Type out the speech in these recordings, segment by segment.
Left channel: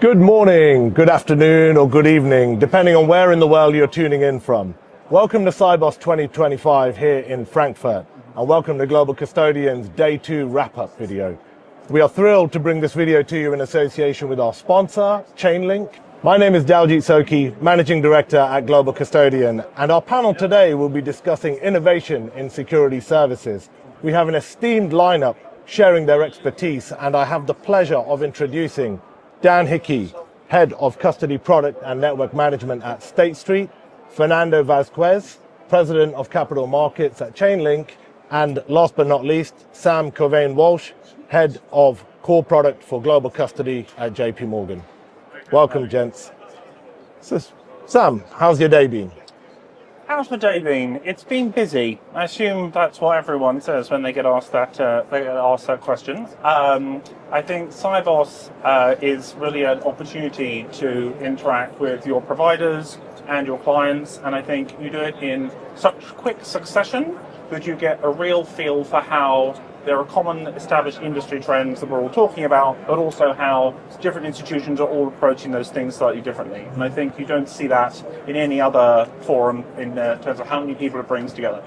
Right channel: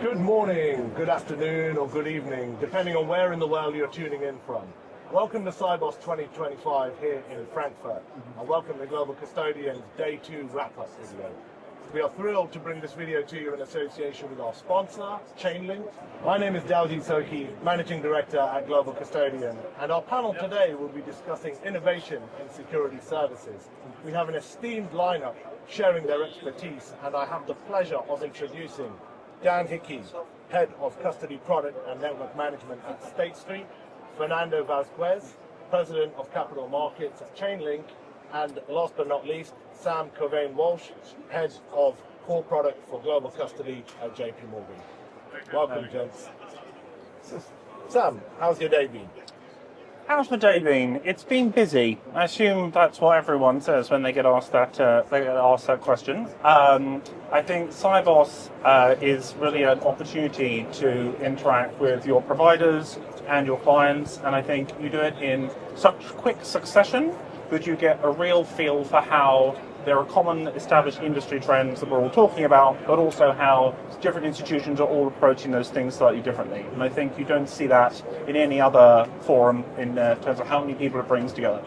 Good morning, good afternoon, or good evening, depending on where in the world you're tuning in from. Welcome to Sibos 2025 here in Frankfurt, and welcome to Global Custodian's Day 2 wrap-up video. We are thrilled to bring this video to you in association with our sponsor, Chainlink. My name is Daljit Soki, Managing Director at Global Custodian, and our panel today will be discussing innovation in security services. We have an esteemed lineup sharing their expertise, and I have the pleasure of introducing Dan Hickey, Head of Custody Product and Network Management at State Street, Fernando Vazquez, President of Capital Markets at Chainlink, and last but not least, Sam Cauvin-Welsh, Head of Core Product for Global Custody at JP Morgan. Welcome, gents. So, Sam, how's your day been? How's the day been? It's been busy. I assume that's what everyone says when they get asked that. Question. I think Sibos is really an opportunity to interact with your providers and your clients, and I think you do it in such quick succession that you get a real feel for how there are common established industry trends that we're all talking about, but also how different institutions are all approaching those things slightly differently. And I think you don't see that in any other forum in terms of how many people it brings together.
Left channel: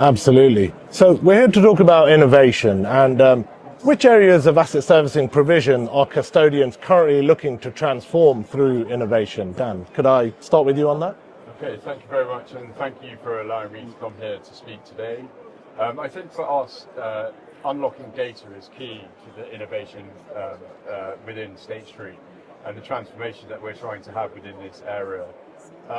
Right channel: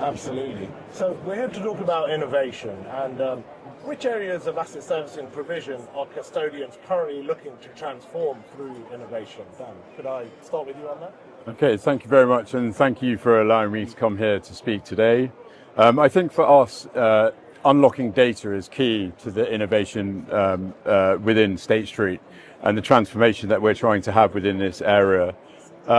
Absolutely. So we're here to talk about innovation and which areas of asset servicing provision are custodians currently looking to transform through innovation? Dan, could I start with you on that? Okay, thank you very much, and thank you for allowing me to come here to speak today. I think for us, unlocking data is key to the innovation within State Street and the transformation that we're trying to have within this area.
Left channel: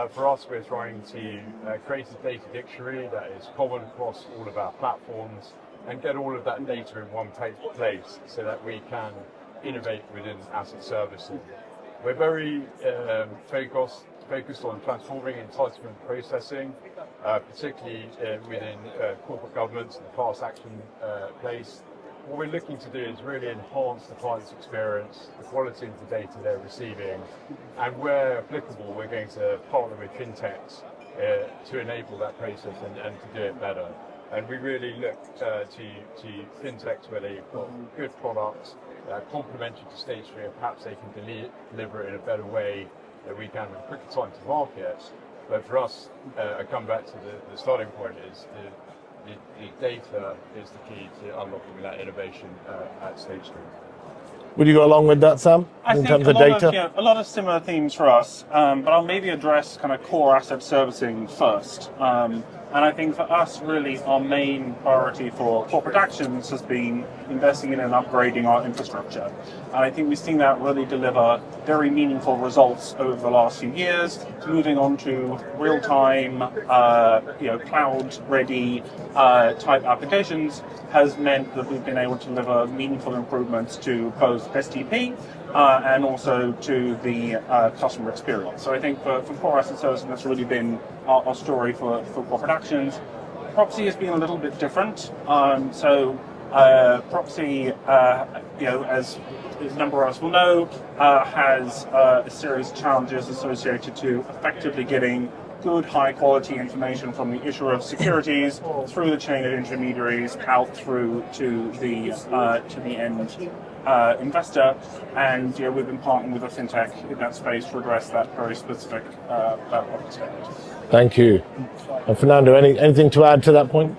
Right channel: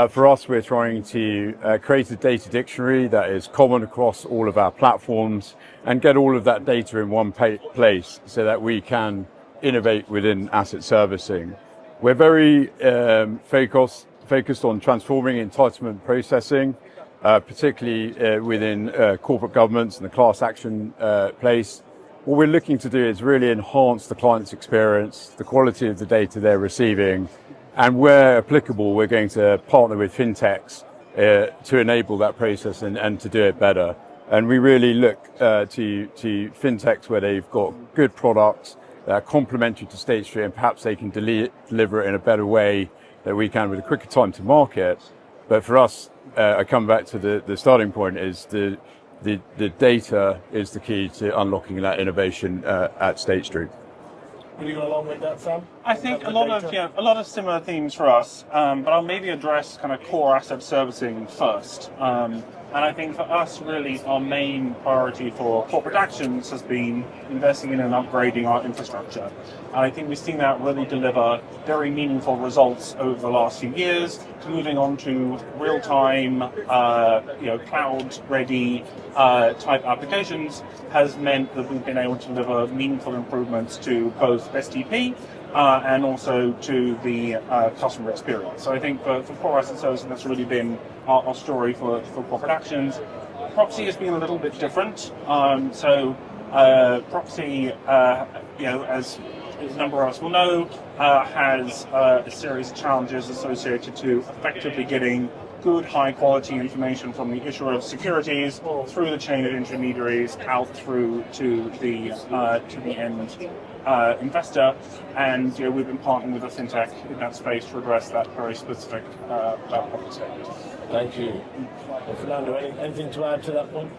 For us, we're trying to create a data dictionary that is common across all of our platforms and get all of that data in one place so that we can innovate within asset servicing. We're very focused on transforming entitlement processing, particularly within corporate governance and the class action place. What we're looking to do is really enhance the client's experience, the quality of the data they're receiving, and where applicable, we're going to partner with fintechs to enable that process and to do it better. And we really look to fintechs where they've got good products that are complementary to State Street, and perhaps they can deliver it in a better way that we can with a quicker time to market. But for us, I come back to the starting point is the data is the key to unlocking that innovation at State Street. Would you go along with that, Sam? I think a lot of similar themes for us, but I'll maybe address kind of core asset servicing first. And I think for us, really, our main priority for corporate actions has been investing in and upgrading our infrastructure. And I think we've seen that really deliver very meaningful results over the last few years, moving on to real-time, cloud-ready type applications has meant that we've been able to deliver meaningful improvements to both STP and also to the customer experience. So I think for core asset servicing, that's really been our story for corporate actions. Proxy has been a little bit different. Proxy, as a number of us will know, has a series of challenges associated to effectively getting good, high-quality information from the issuer of securities through the chain of intermediaries out through to the end investor, and we've been partnering with a fintech in that space to address that very specific problem statement. Thank you. And Fernando, anything to add to that point?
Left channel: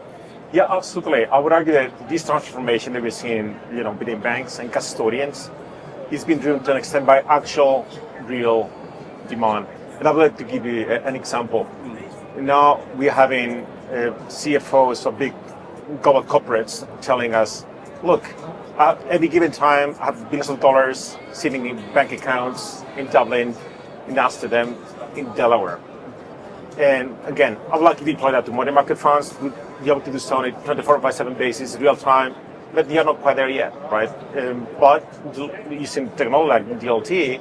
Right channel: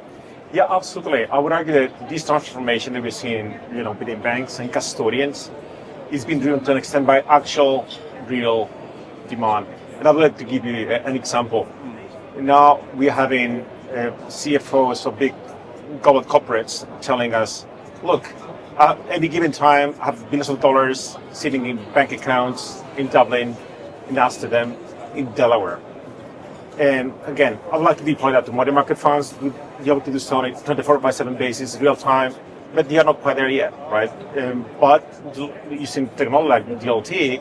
Yeah, absolutely. I would argue that this transformation that we're seeing, within banks and custodians, is being driven to an extent by actual, real demand. And I would like to give you an example. Now we're having CFOs of big global corporates telling us, look, at any given time, I have billions of dollars sitting in bank accounts in Dublin, in Amsterdam, in Delaware. And again, I would like to deploy that to money market funds, to be able to do so on a 24/7 basis, real time, but they are not quite there yet, right? But using technology like DLT,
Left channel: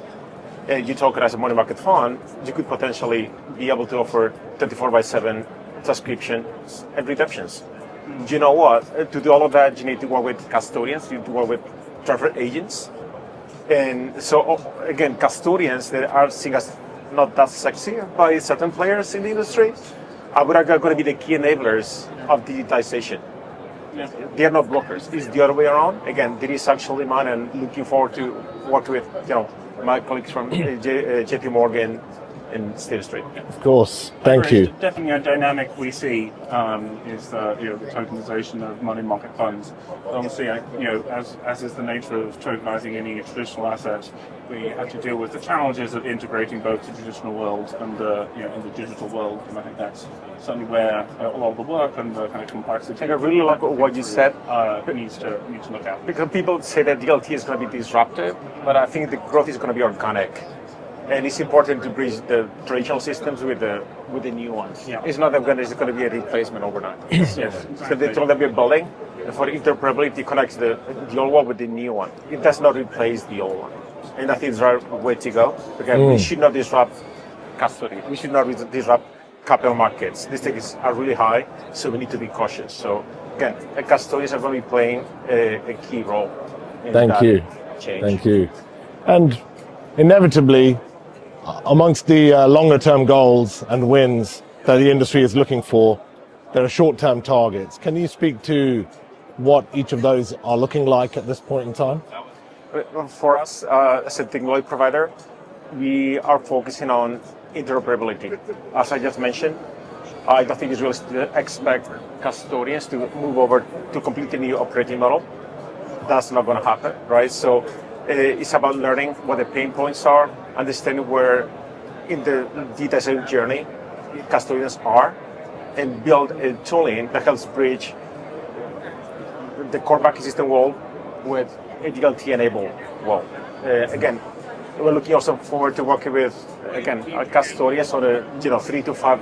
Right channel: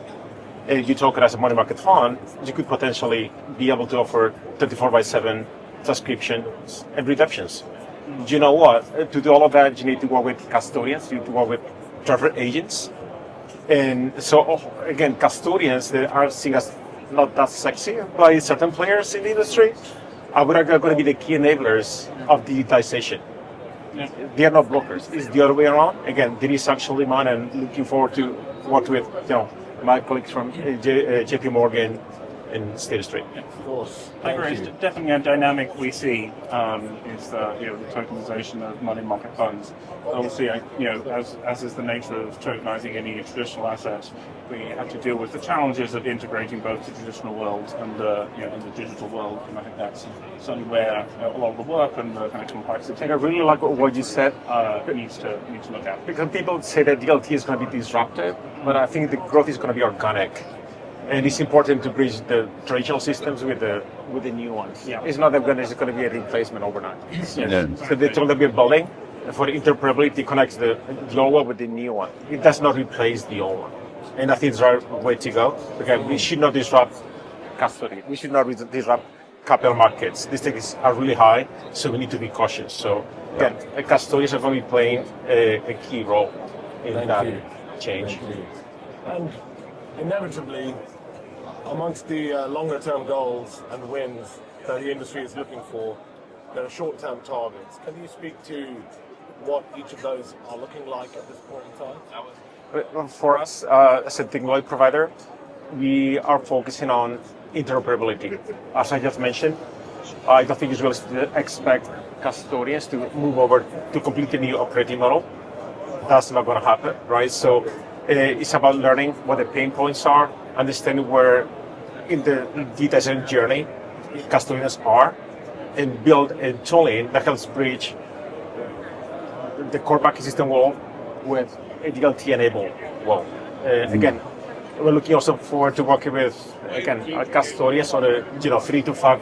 you talk as a money market fund, you could potentially be able to offer 24/7 subscriptions and redemptions. You know what? To do all of that, you need to work with custodians, you need to work with travel agents. And so, again, custodians that are seen as not that sexy by certain players in the industry, are going to be the key enablers of digitization. Yeah. They are not blockers. It's the other way around. Again, there is actual demand, and looking forward to work with my colleagues from JP Morgan and State Street. Of course. Thank you. Definitely a dynamic we see is the tokenization of money market funds. Obviously, as is the nature of tokenizing any traditional asset, we have to deal with the challenges of integrating both the traditional world and the digital world, and I think that's certainly where a lot of the work and the kind of complexity. I really like what you said. Needs to look at. Because people say that DLT is going to be disruptive, but I think the growth is going to be organic. And it's important to bridge the traditional systems with the new ones. Yeah. It's not that it's going to be a replacement overnight. So the tool that we're building for interoperability connects the old one with the new one. It does not replace the old one. And I think it's the right way to go. Again, we should not disrupt custody. We should not disrupt capital markets. These things are really high, so we need to be cautious. So again, custodians are going to be playing a key role in that change. Thank you. And inevitably, amongst the longer-term goals and wins that the industry is looking for, there are short-term targets. Can you speak to what each of those are looking like at this point in time? For us, as a technology provider, we are focusing on interoperability. As I just mentioned, I don't think it's realistic to expect custodians to move over to completely new operating model. That's not going to happen, right? So it's about learning what the pain points are, understanding where in the data journey custodians are, and build a tooling that helps bridge the core banking system world with a DLT-enabled world. Again, we're looking also forward to working with, again, our custodians on a 3 to 5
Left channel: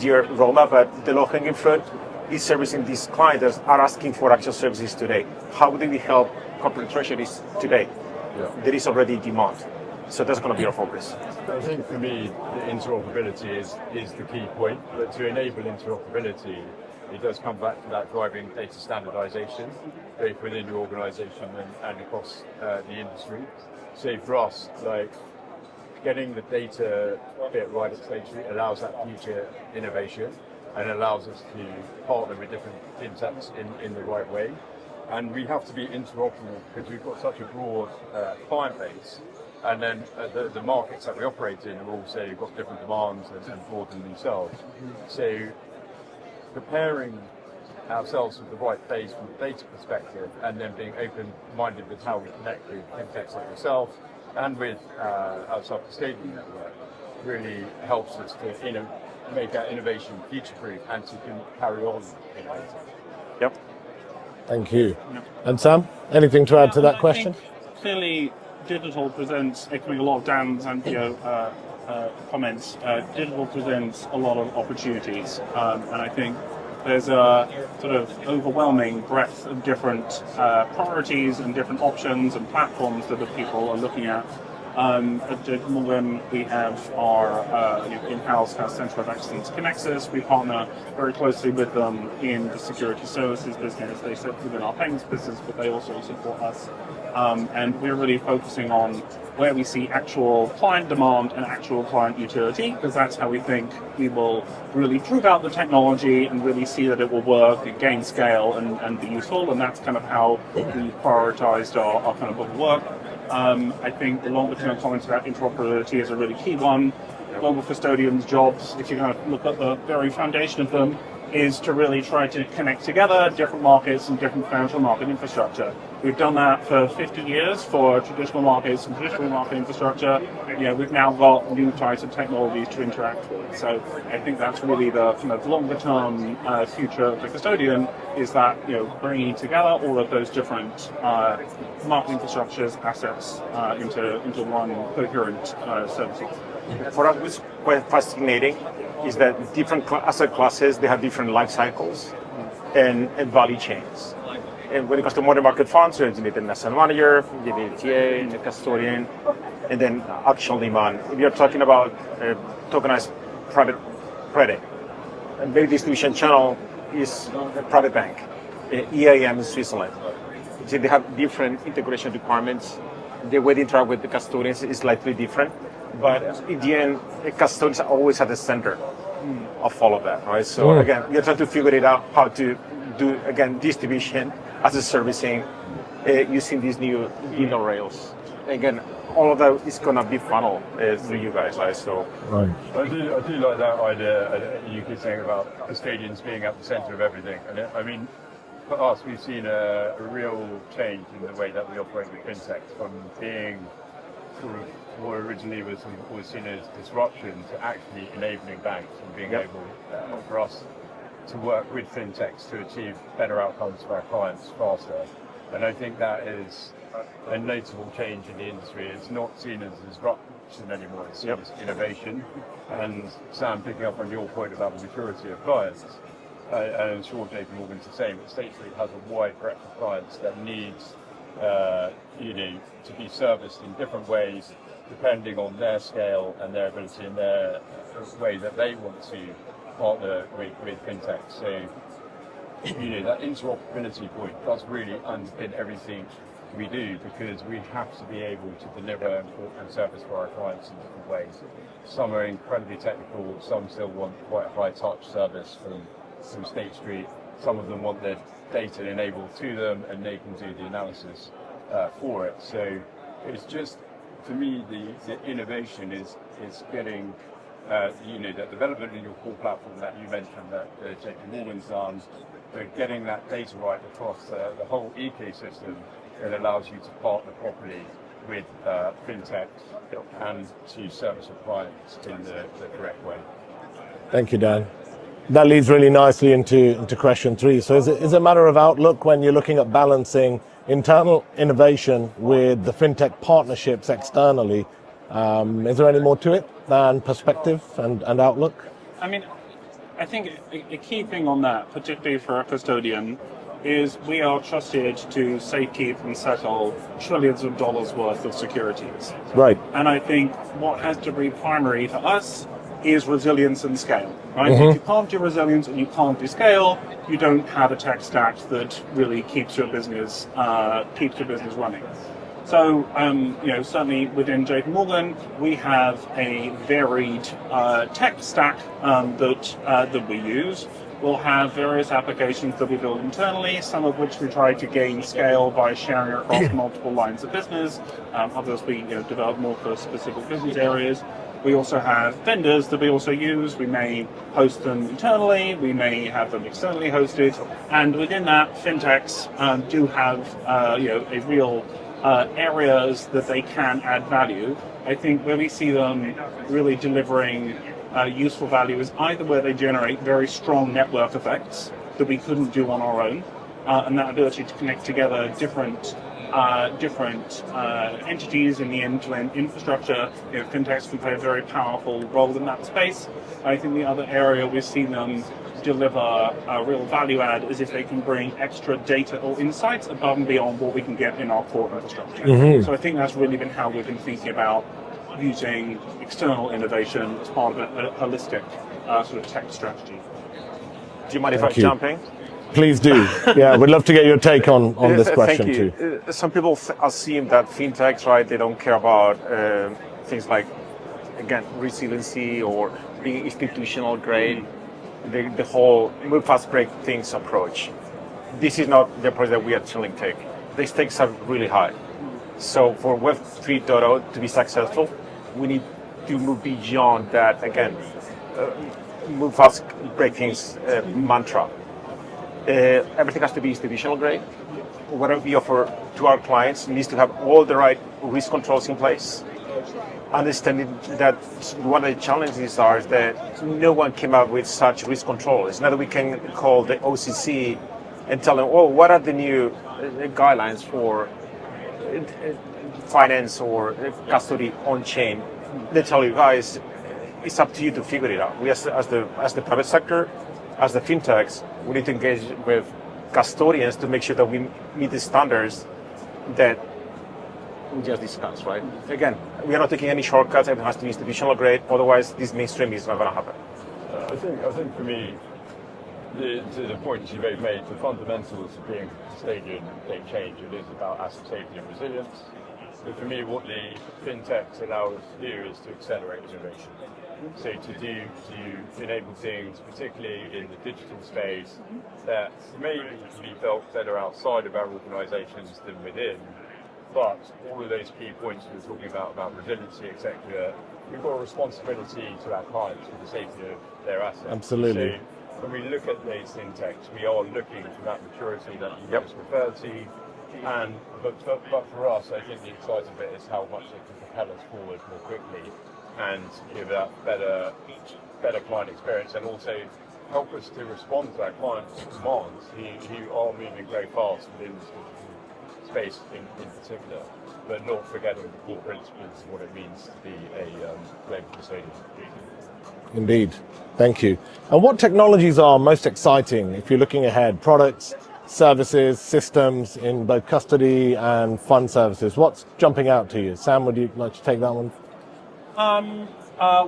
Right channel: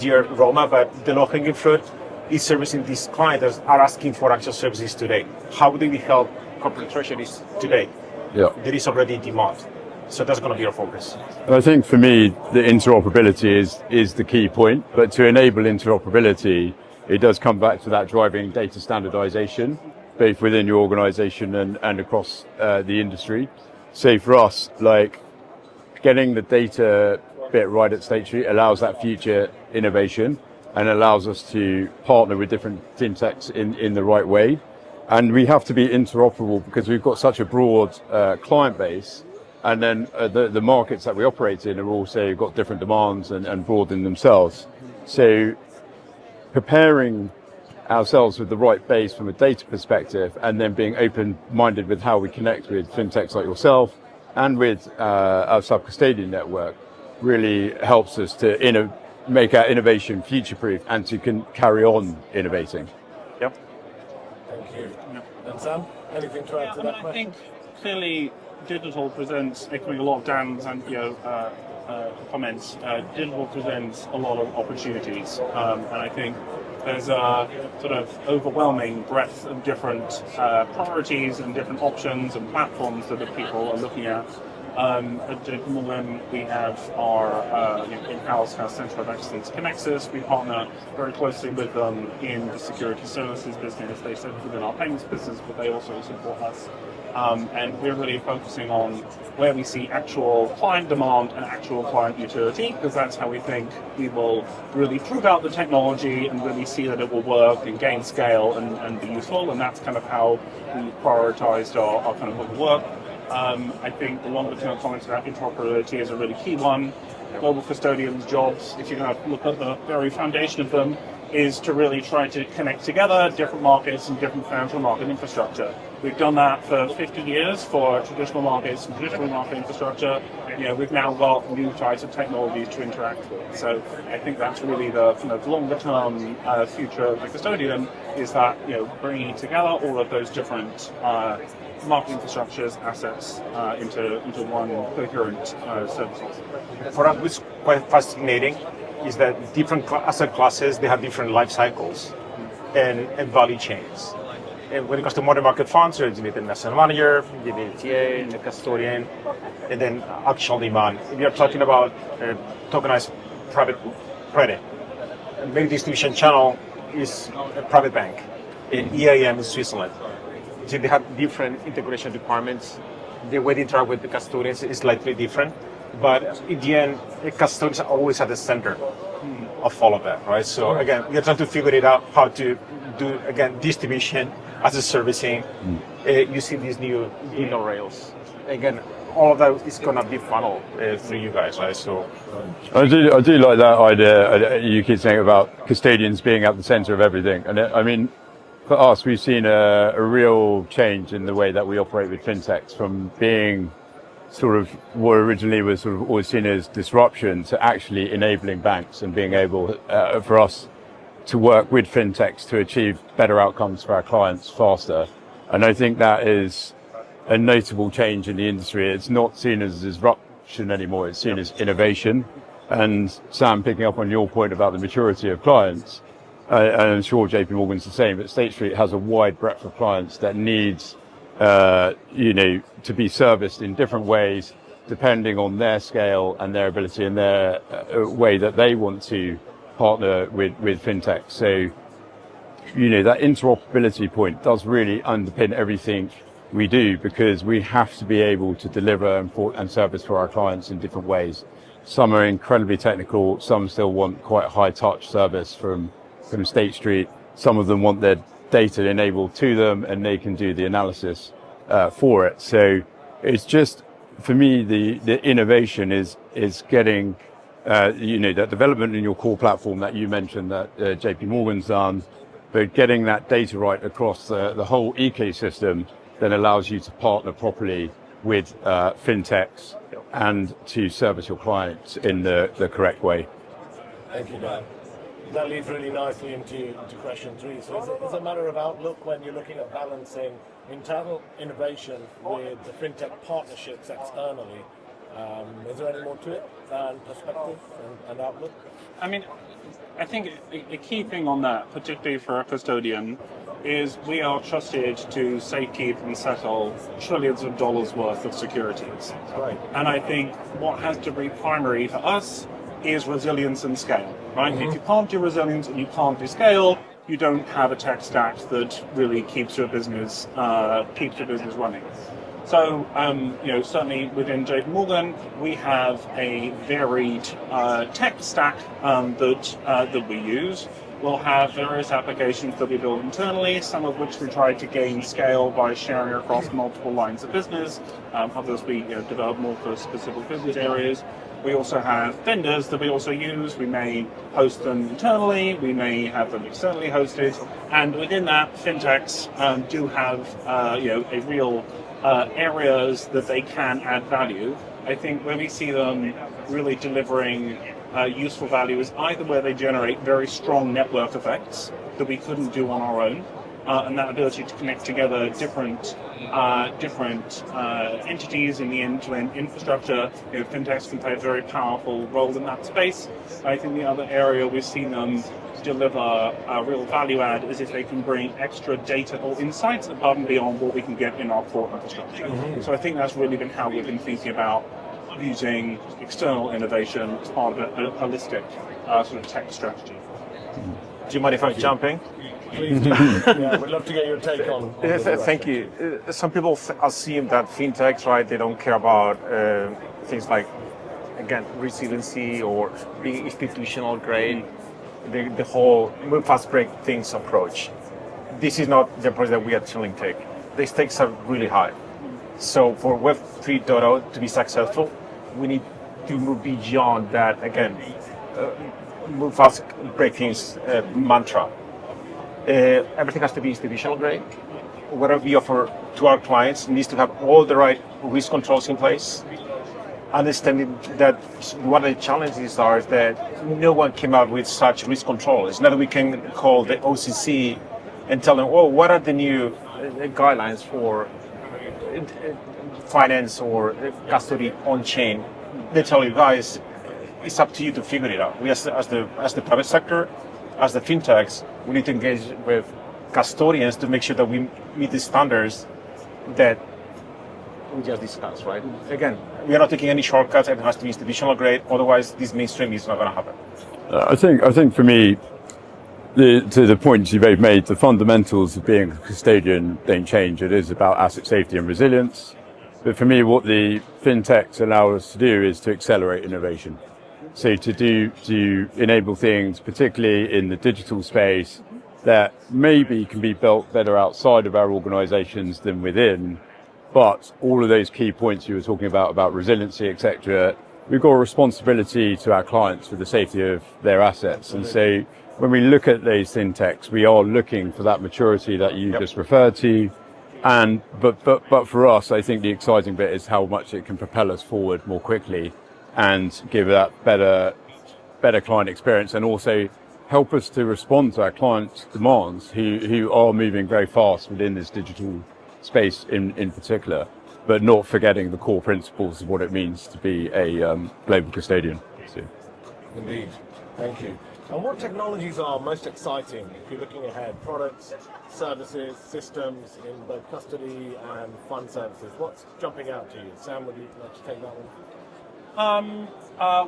year roadmap, but the low-hanging fruit is servicing these clients that are asking for actual services today. How do we help corporate treasuries today? Yeah. There is already demand. So that's going to be our focus. I think for me, the interoperability is the key point, but to enable interoperability, it does come back to that driving data standardization, both within your organization and across the industry. So for us, like getting the data bit right at State Street allows that future innovation and allows us to partner with different fintechs in the right way. And we have to be interoperable because we've got such a broad client base. And then the markets that we operate in have also got different demands and broad in themselves. So preparing ourselves with the right base from a data perspective and then being open-minded with how we connect with fintechs like yourself and with our sub-custodian network really helps us to make our innovation future-proof and to carry on innovating. Yep. Thank you. And Sam, anything to add to that question? I think clearly digital presents, echoing a lot of Dan's and comments, digital presents a lot of opportunities. And I think there's a sort of overwhelming breadth of different priorities and different options and platforms that the people are looking at. At JP Morgan, we have our in-house Center of Excellence Connexus. We partner very closely with them in the security services business. They sit within our payments business, but they also support us. And we're really focusing on where we see actual client demand and actual client utility, because that's how we think we will really prove out the technology and really see that it will work and gain scale and be useful. And that's kind of how we prioritized our kind of book of work. I think the longer term comments about interoperability is a really key one. Global Custodian's jobs, if you're going to look at the very foundation of them, is to really try to connect together different markets and different financial market infrastructure. We've done that for 50 years for traditional markets and traditional market infrastructure. We've now got new types of technologies to interact with. So I think that's really the kind of longer term future of the custodian, is that bringing together all of those different market infrastructures, assets into one coherent service offering. For us, what's quite fascinating is that different asset classes, they have different life cycles and value chains. And when it comes to money market funds, you need an asset manager, you need a TA, and a custodian, and then actual demand. If you're talking about tokenized private credit, a big distribution channel is a private bank, EAM in Switzerland. So they have different integration requirements. The way they interact with the custodians is slightly different. But in the end, the custodians are always at the center of all of that, right? So again, we're trying to figure it out how to do, again, distribution as a servicing using these new rails. Again, all of that is going to be funneled through you guys, right? So I do like that idea. You keep saying about custodians being at the center of everything, and I mean, for us, we've seen a real change in the way that we operate with fintechs, from being sort of what originally was sort of always seen as disruption to actually enabling banks and being able for us to work with fintechs to achieve better outcomes for our clients faster. And I think that is a notable change in the industry. It's not seen as disruption anymore, it's seen as innovation. And Sam, picking up on your point about the maturity of clients, and I'm sure JP Morgan's the same, but State Street has a wide breadth of clients that needs to be serviced in different ways depending on their scale and their ability and their way that they want to partner with fintech. So, that interoperability point does really underpin everything we do, because we have to be able to deliver and service for our clients in different ways. Some are incredibly technical, some still want quite high touch service from State Street. Some of them want their data enabled to them and they can do the analysis for it. So it's just, for me, the innovation is getting that development in your core platform that you mentioned that JP Morgan's done, but getting that data right across the whole ecosystem that allows you to partner properly with fintechs and to service your clients in the correct way. Thank you, Dan. That leads really nicely into question 3. So is it a matter of outlook when you're looking at balancing internal innovation with the fintech partnerships externally? Is there any more to it than perspective and outlook? I mean, I think a key thing on that, particularly for a custodian, is we are trusted to safekeep and settle trillions of dollars worth of securities. Right. And I think what has to be primary for us is resilience and scale, right? If you can't do resilience and you can't do scale, you don't have a tech stack that really keeps your business running. So, certainly within JP Morgan, we have a varied tech stack that we use. We'll have various applications that we build internally, some of which we try to gain scale by sharing across multiple lines of business. Others we develop more for specific business areas. We also have vendors that we also use. We may host them internally, we may have them externally hosted, and within that, fintechs do have a real areas that they can add value. I think where we see them really delivering useful value is either where they generate very strong network effects that we couldn't do on our own, and that ability to connect together different entities in the end-to-end infrastructure. Fintechs can play a very powerful role in that space. I think the other area we've seen them deliver a real value add is if they can bring extra data or insights above and beyond what we can get in our core infrastructure. So I think that's really been how we've been thinking about using external innovation as part of a holistic sort of tech strategy. Do you mind if I jump in? Please do. Yeah, we'd love to get your take on this question. Thank you. Too. Some people assume that fintechs, right, they don't care about things like, again, resiliency or being institutional grade, the whole move fast, break things approach. This is not the approach that we at Chainlink take. The stakes are really high. So for Web 3.0 to be successful, we need to move beyond that, again, move fast, break things mantra. Everything has to be institutional grade. Whatever we offer to our clients needs to have all the right risk controls in place. Understanding that one of the challenges is that no one came up with such risk control. It's not that we can call the OCC and tell them, oh, what are the new guidelines for finance or custody on-chain. They tell you guys, it's up to you to figure it out. We as the private sector, as the fintechs, we need to engage with custodians to make sure that we meet the standards that we just discussed, right? Again, we are not taking any shortcuts. It has to be institutional grade. Otherwise, this mainstream is not going to happen. I think for me, to the points you've made, the fundamentals of being a custodian don't change. It is about asset safety and resilience. But for me, what the fintechs allow us to do is to accelerate innovation. So to enable things, particularly in the digital space, that maybe can be built better outside of our organizations than within, But all of those key points you were talking about resiliency, etc., we've got a responsibility to our clients for the safety of their assets. Absolutely. And so when we look at those fintechs, we are looking for that maturity that you just referred to. And but for us, I think the exciting bit is how much it can propel us forward more quickly and give that better client experience, and also help us to respond to our clients' demands who are moving very fast within this digital space in particular, but not forgetting the core principles of what it means to be a global custodian. So. Indeed. Thank you. And what technologies are most exciting if you're looking ahead? Products, services, systems in both custody and fund services. What's jumping out to you? Sam, would you like to take that one?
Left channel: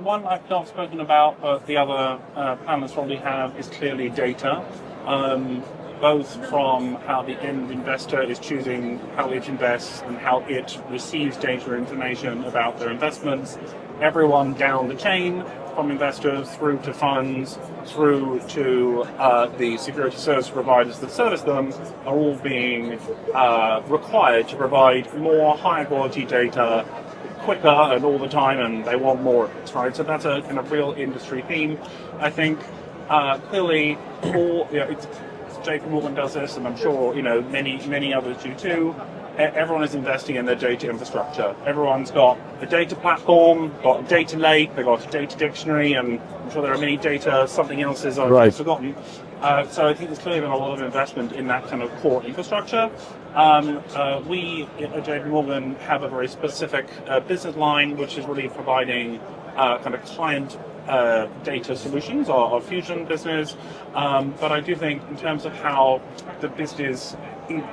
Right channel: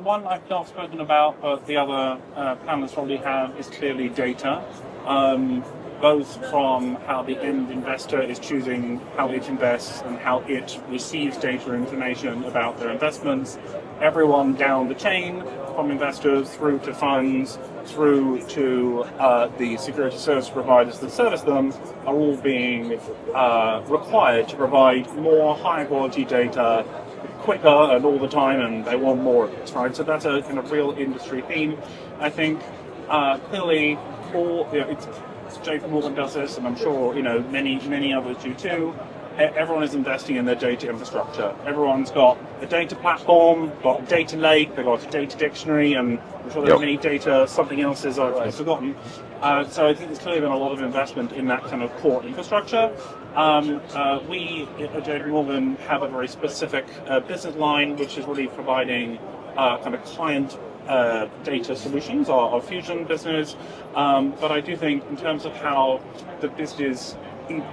One I've not spoken about, but the other panelists probably have, is clearly data. Both from how the end investor is choosing how it invests and how it receives data information about their investments. Everyone down the chain, from investors through to funds, through to the security service providers that service them, are all being required to provide more high quality data quicker and all the time, and they want more of it, right? So that's a kind of real industry theme. I think clearly it's JP Morgan does this, and I'm sure many others do too. Everyone is investing in their data infrastructure. Everyone's got a data platform, got a data lake, they've got a data dictionary, and I'm sure there are many data something else I've forgotten. So I think there's clearly been a lot of investment in that kind of core infrastructure. We at JP Morgan have a very specific business line, which is really providing kind of client data solutions, our Fusion business. But I do think in terms of how the business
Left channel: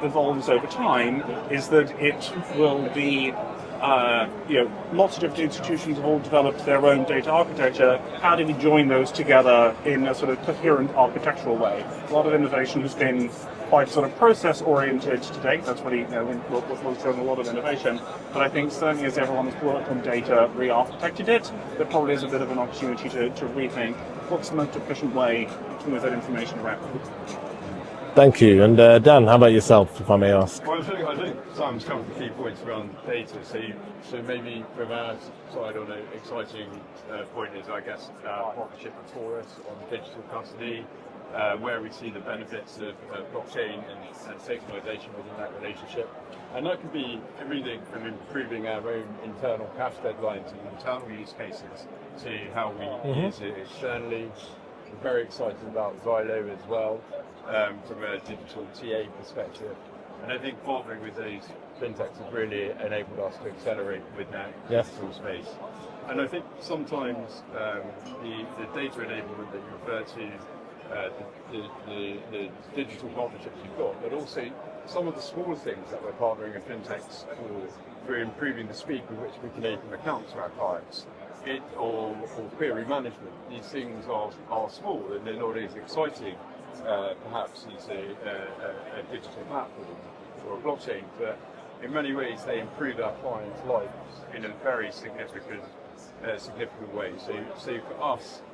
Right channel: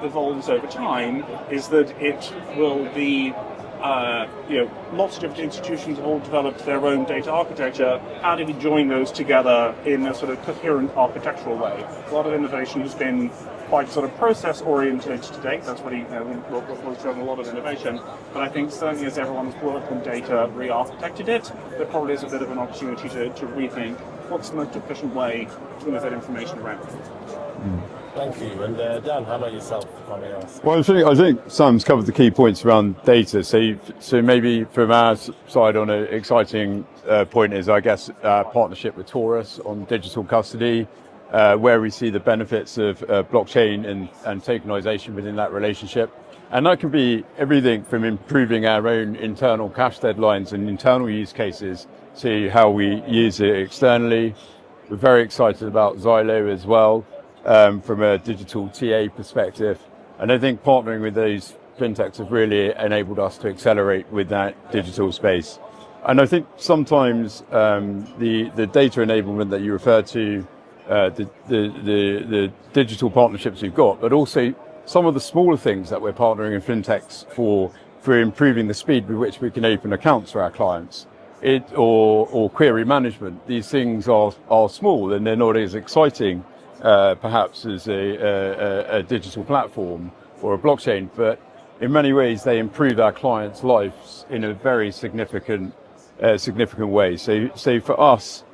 evolves over time, is that it will be lots of different institutions have all developed their own data architecture. How do we join those together in a sort of coherent architectural way? A lot of innovation has been quite sort of process oriented to date. That's really what's driven a lot of innovation. But I think certainly as everyone's worked on data, re-architected it, there probably is a bit of an opportunity to rethink what's the most efficient way to move that information around. Thank you. And Dan, how about yourself, if I may ask? Well, I think Sam's covered the key points around data. So maybe from our side, on an exciting point is, I guess, partnership with Taurus on digital custody, where we see the benefits of blockchain and tokenization within that relationship. And that can be everything from improving our own internal cash deadlines and internal use cases to how we use it externally. We're very excited about Xylo as well. From a digital TA perspective. And I think partnering with those fintechs have really enabled us to accelerate with that digital space. And I think sometimes the data enablement that you referred to, the digital partnerships we've got, but also some of the smaller things that we're partnering with fintechs for improving the speed with which we can open accounts for our clients. Or query management. These things are small and they're not as exciting perhaps as a digital platform or a blockchain, but in many ways they improve our clients' lives in a very significant way. So for us,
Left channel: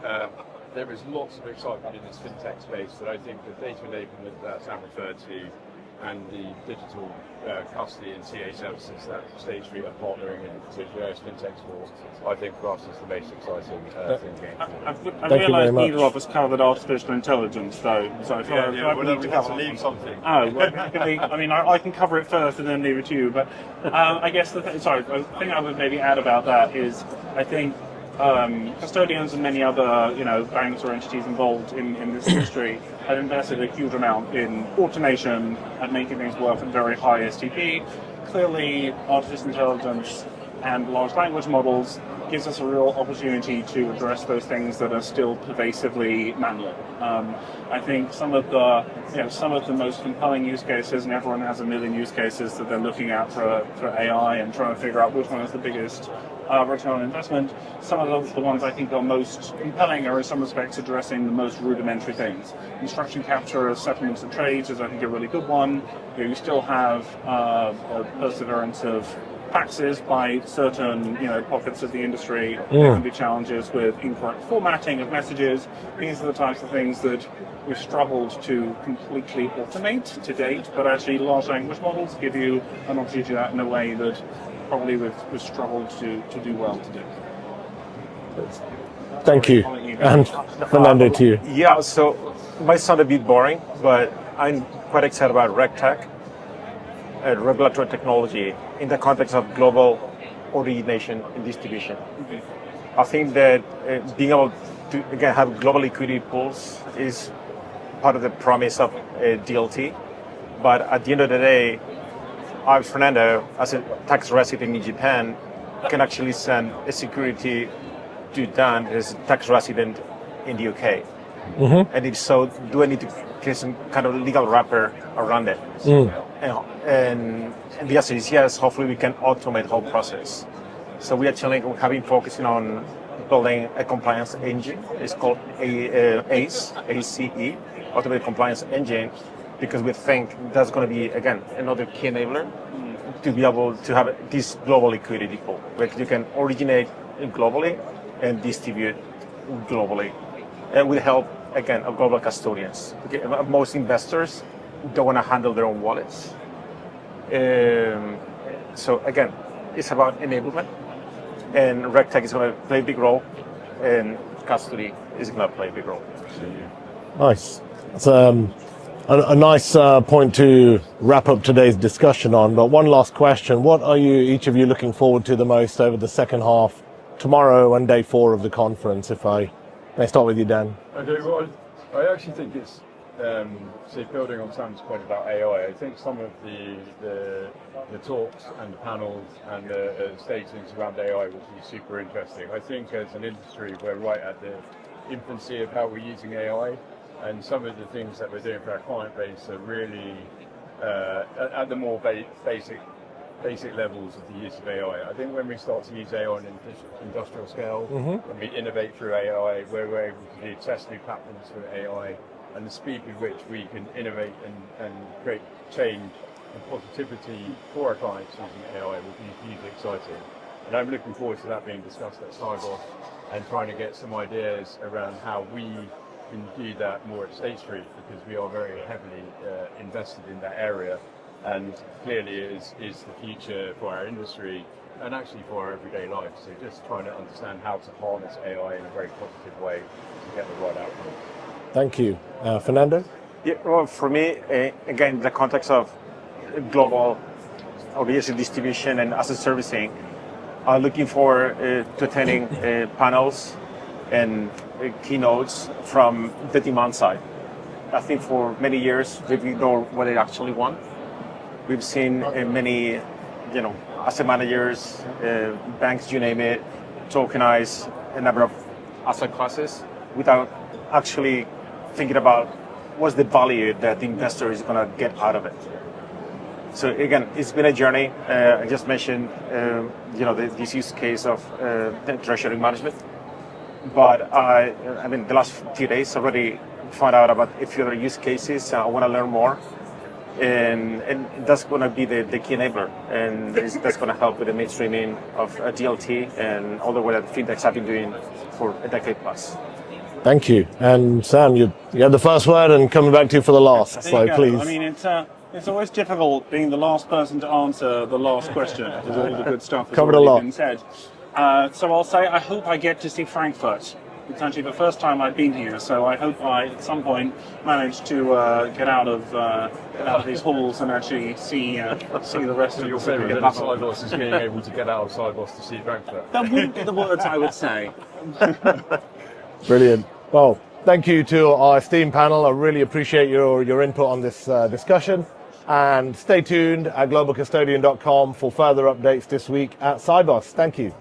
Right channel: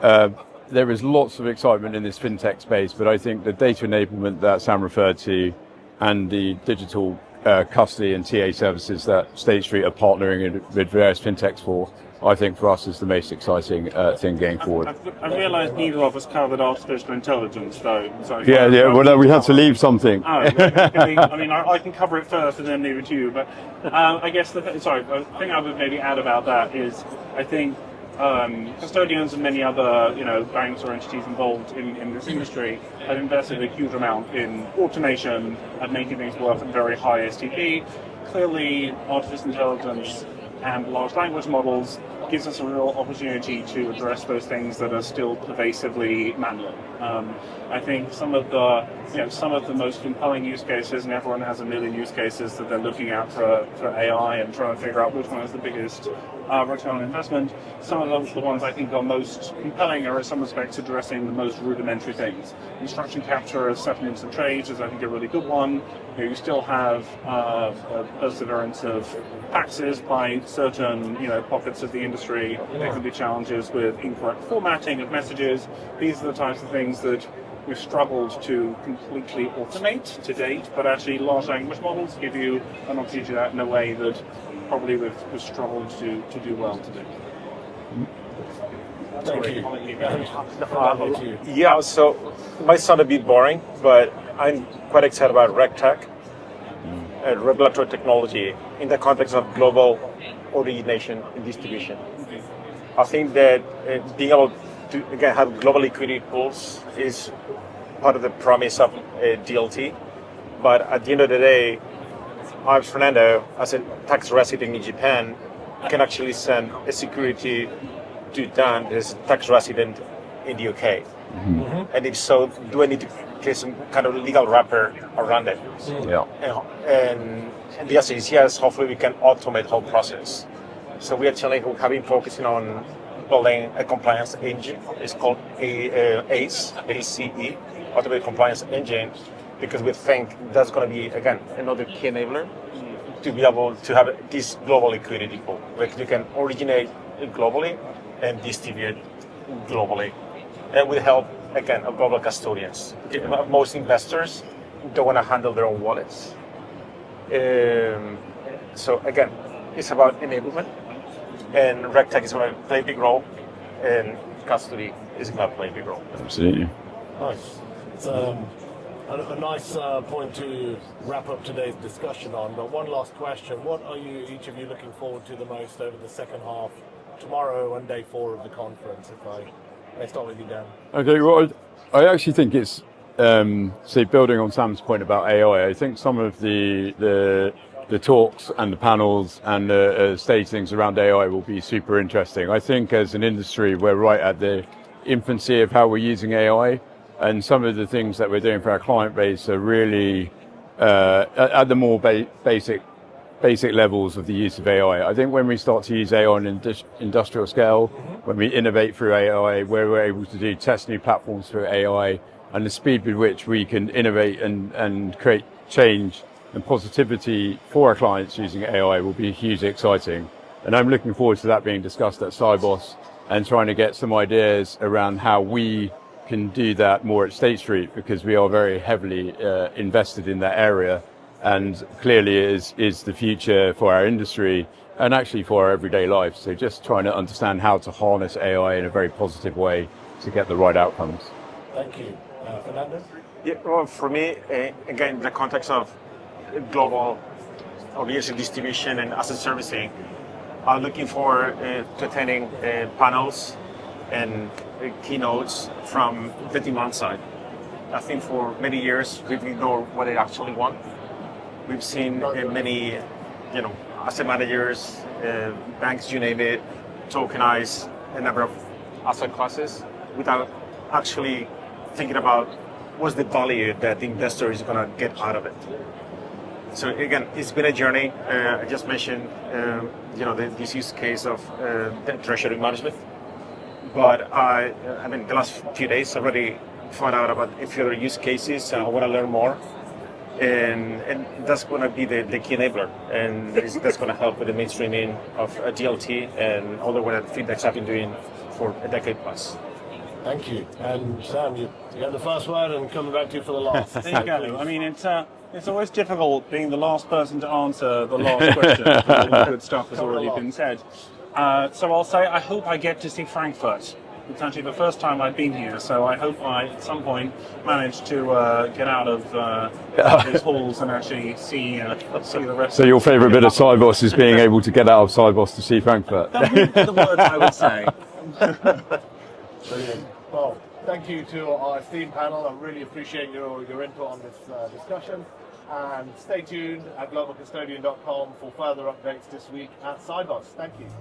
there is lots of excitement in this fintech space, but I think the data enablement that Sam referred to and the digital custody and TA services that State Street are partnering with various fintechs for, I think for us is the most exciting thing going forward. I realise neither of us covered artificial intelligence, though. So well, we had to leave something. I can cover it first and then leave it to you. But I guess the thing I would maybe add about that is, I think custodians and many other banks or entities involved in this industry have invested a huge amount in automation and making things work at very high STP. Clearly, artificial intelligence and large language models gives us a real opportunity to address those things that are still pervasively manual. I think some of the most compelling use cases, and everyone has a million use cases that they're looking at for AI and trying to figure out which one is the biggest return on investment. Some of the ones I think are most compelling are in some respects addressing the most rudimentary things. Instruction capture of settlements and trades is I think a really good one. You still have a perseverance of faxes by certain pockets of the industry. There can be challenges with incorrect formatting of messages. These are the types of things that we've struggled to completely automate to date, but actually large language models give you an opportunity to do that in a way that probably we've struggled to do well to do. Thank you. I'll let you go. And Fernando, to you. Yeah, so it might sound a bit boring, but I'm quite excited about RegTech, regulatory technology, in the context of global origination and distribution. I think that being able to, again, have global liquidity pools is part of the promise of DLT. But at the end of the day, I, Fernando, as a tax resident in Japan, can actually send a security to Dan, as a tax resident in the UK. And if so, do I need to create some kind of legal wrapper around it? Yeah. And the answer is yes. Hopefully, we can automate the whole process. So we at Chainlink have been focusing on building a compliance engine. It's called ACE, ACE, Automated Compliance Engine, because we think that's going to be, again, another key enabler to be able to have this global liquidity pool, where you can originate globally and distribute globally, and with help, again, of global custodians. Most investors don't want to handle their own wallets. So again, it's about enablement, and RegTech is going to play a big role, and custody is going to play a big role. Absolutely. Nice. It's a nice point to wrap up today's discussion on. But one last question. What are each of you looking forward to the most over the second half, tomorrow and day 4 of the conference? If I may start with you, Dan. Okay, well, I actually think it's, say, building on Sam's point about AI, I think some of the talks and the panels and the statings around AI will be super interesting. I think as an industry, we're right at the infancy of how we're using AI, and some of the things that we're doing for our client base are really at the more basic levels of the use of AI. I think when we start to use AI on an industrial scale, when we innovate through AI, where we're able to test new platforms through AI, and the speed with which we can innovate and create change and positivity for our clients using AI will be hugely exciting. And I'm looking forward to that being discussed at Sibos and trying to get some ideas around how we can do that more at State Street, because we are very heavily invested in that area, and clearly it is the future for our industry and actually for our everyday lives. So just trying to understand how to harness AI in a very positive way to get the right outcomes. Thank you. Fernando? Yeah, well, for me, again, the context of global origination distribution and asset servicing, I'm looking forward to attending panels and keynotes from the demand side. I think for many years we've ignored what they actually want. We've seen many, asset managers, banks, you name it, tokenize a number of asset classes without actually thinking about what's the value that the investor is going to get out of it. So again, it's been a journey. I just mentioned, this use case of treasury management. But I mean, the last few days already found out about a few other use cases. I want to learn more, and that's going to be the key enabler, and that's going to help with the mainstreaming of DLT and all the work that fintechs have been doing for a decade plus. Thank you. And Sam, you had the first word, and coming back to you for the last. There you go. Please. I mean, it's always difficult being the last person to answer the last question. All the good stuff has already been said. So I'll say I hope I get to see Frankfurt. It's actually the first time I've been here, so I hope I at some point manage to get out of these halls and actually see the rest. So your favourite bit of Sibos is being able to get out of Sibos to see Frankfurt. That wouldn't be the words I would say. Brilliant. Well, thank you to our esteemed panel. I really appreciate your input on this discussion. And stay tuned at globalcustodian.com for further updates this week at Sibos. Thank you.